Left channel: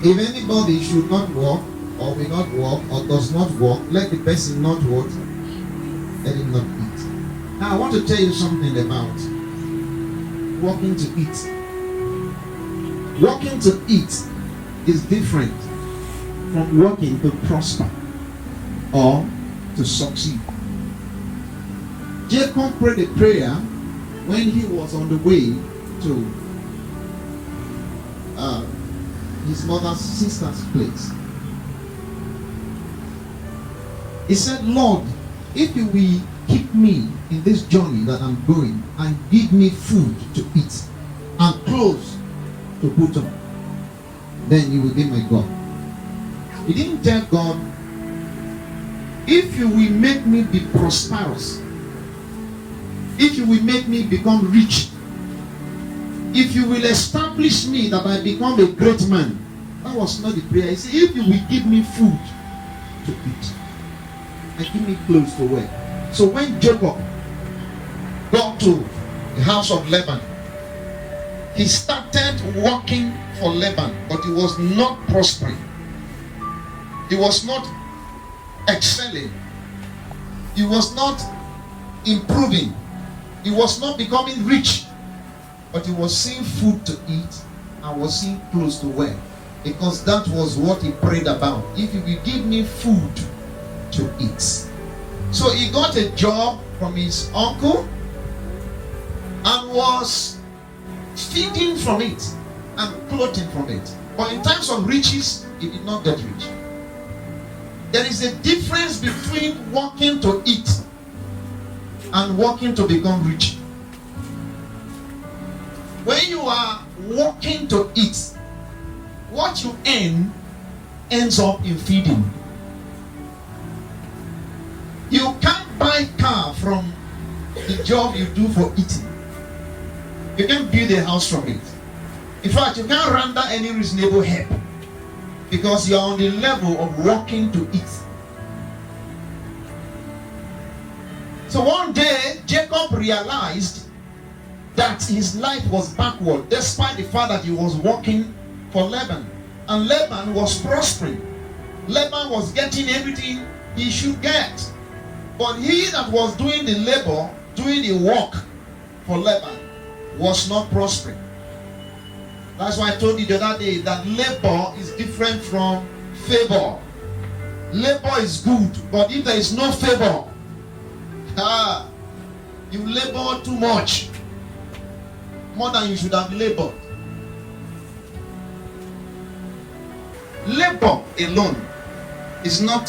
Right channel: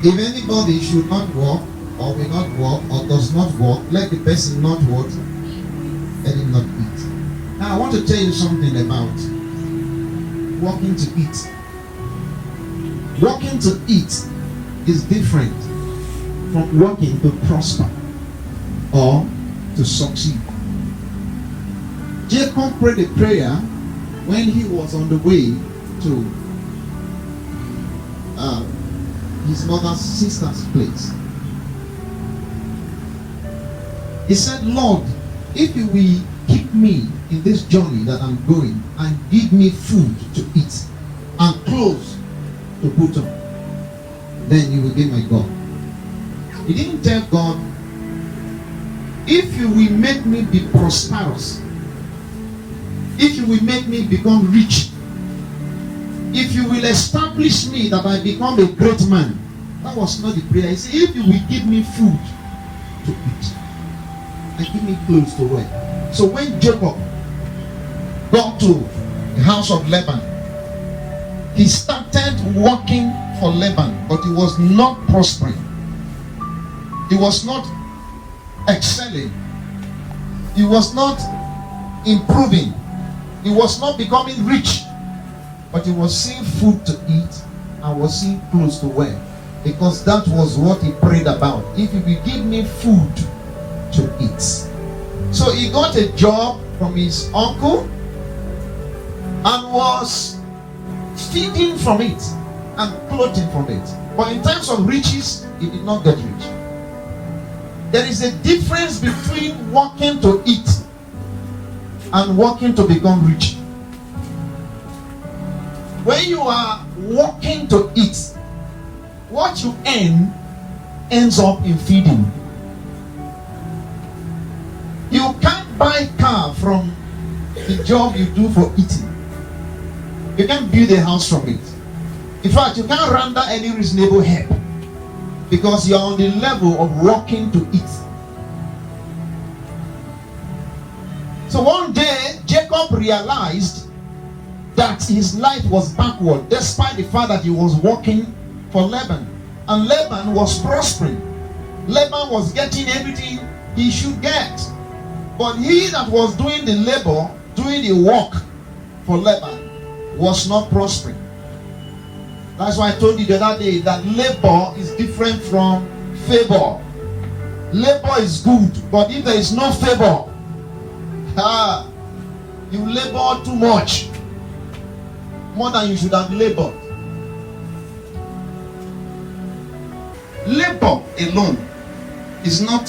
If anybody should not walk, or will not walk, or does not walk, let the person not what? Let him not eat. Now I want to tell you something about walking to eat. Walking to eat is different from walking to prosper or to succeed. Jacob prayed a prayer when he was on the way to his mother's sister's place. He said, Lord, if you will keep me in this journey that I'm going and give me food to eat and clothes to put on, then you will be my God. He didn't tell God, if you will make me be prosperous, if you will make me become rich, if you will establish me that I become a great man. That was not the prayer. He said, if you will give me food to eat and give me clothes to wear. So when Jacob got to the house of Laban, he started working for Laban, but he was not prospering. He was not excelling. He was not improving. He was not becoming rich. But he was seeing food to eat and was seeing clothes to wear. Because that was what he prayed about. If you will give me food to eat. So he got a job from his uncle and was feeding from it and clothing from it. But in terms of riches, he did not get rich. There is a difference between working to eat and working to become rich. When you are working to eat, what you earn ends up in feeding. You can't buy car from the job you do for eating. You can't build a house from it. In fact, you can't render any reasonable help because you are on the level of working to eat. So one day, Jacob realized that his life was backward, despite the fact that he was working for Laban. And Laban was prospering. Laban was getting everything he should get. But he that was doing the labor, doing the work for Laban, was not prospering. That's why I told you the other day that labor is different from favor. Labor is good, but if there is no favor, you labor too much, more than you should have labored. Labor alone is not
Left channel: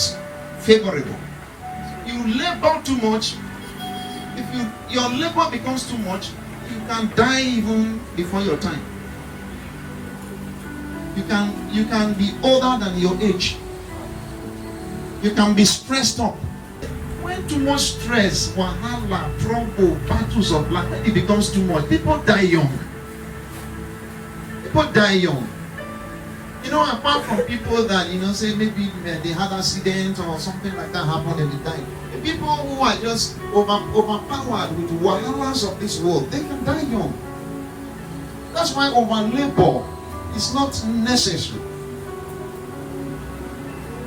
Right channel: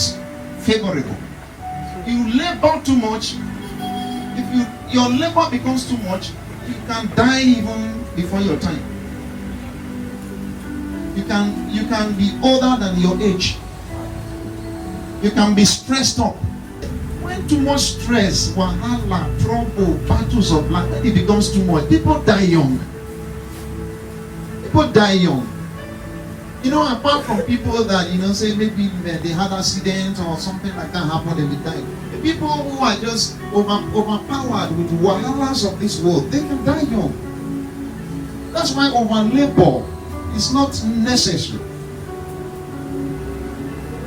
favorable. You labor too much. If your labor becomes too much, you can die even before your time. You can be older than your age. You can be stressed up. When too much stress, wahala, trouble, battles of life, it becomes too much. People die young. People die young. You know, apart from people that, say maybe they had accidents or something like that happened and they died. The people who are just overpowered with wahalas of this world, they can die young. That's why over labor is not necessary.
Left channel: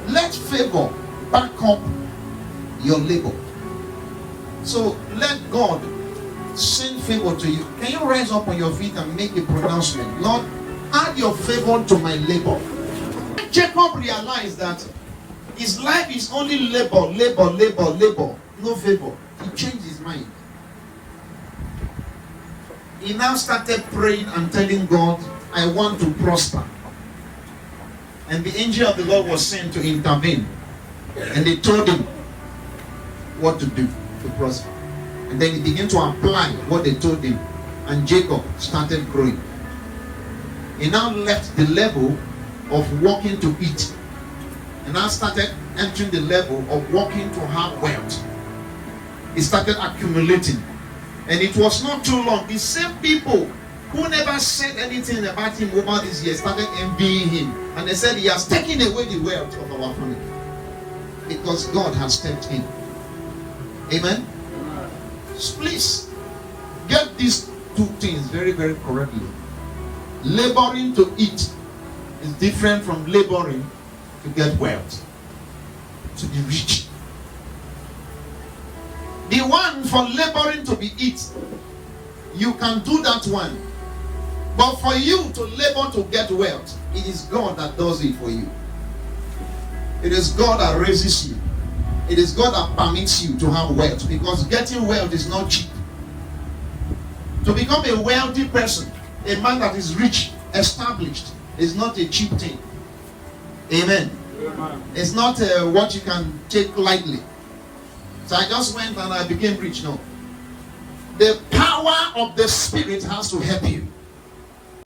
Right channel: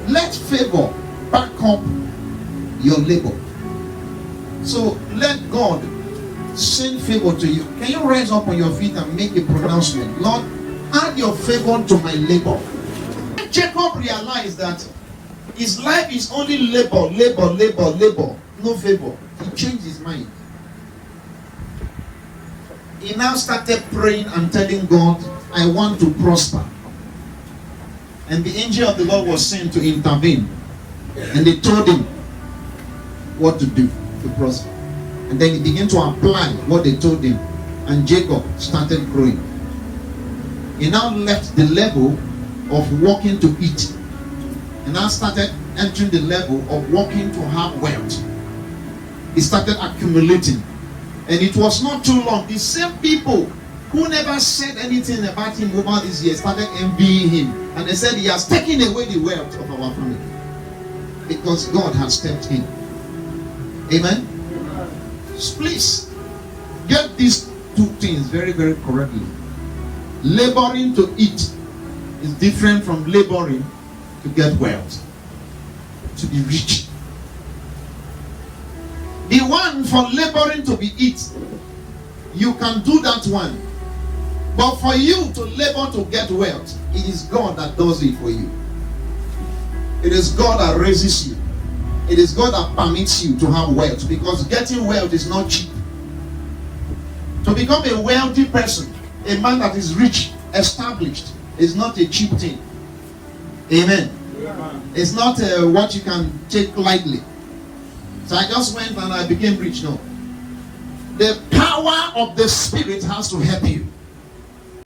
Let favor back up your labor. So let God send favor to you. Can you rise up on your feet and make a pronouncement? Lord, add your favor to my labor. Jacob realized that his life is only labor, no favor. He changed his mind. He now started praying and telling God, I want to prosper. And the angel of the Lord was sent to intervene. And they told him what to do to prosper. And then he began to apply what they told him. And Jacob started growing. He now left the level of working to eat. And now started entering the level of working to have wealth. He started accumulating. And it was not too long. The same people who never said anything about him over these years started envying him. And they said he has taken away the wealth of our family. Because God has stepped in. Amen? Please, get these two things very, very correctly. Laboring to eat is different from laboring to get wealth, to be rich. The one for laboring to be it, you can do that one. But for you to labor to get wealth, it is God that does it for you. It is God that raises you. It is God that permits you to have wealth, because getting wealth is not cheap. To become a wealthy person, a man that is rich, established, is not a cheap thing. Amen. It's not what you can take lightly. So I just went and I became rich. No. The power of the Spirit has to help you.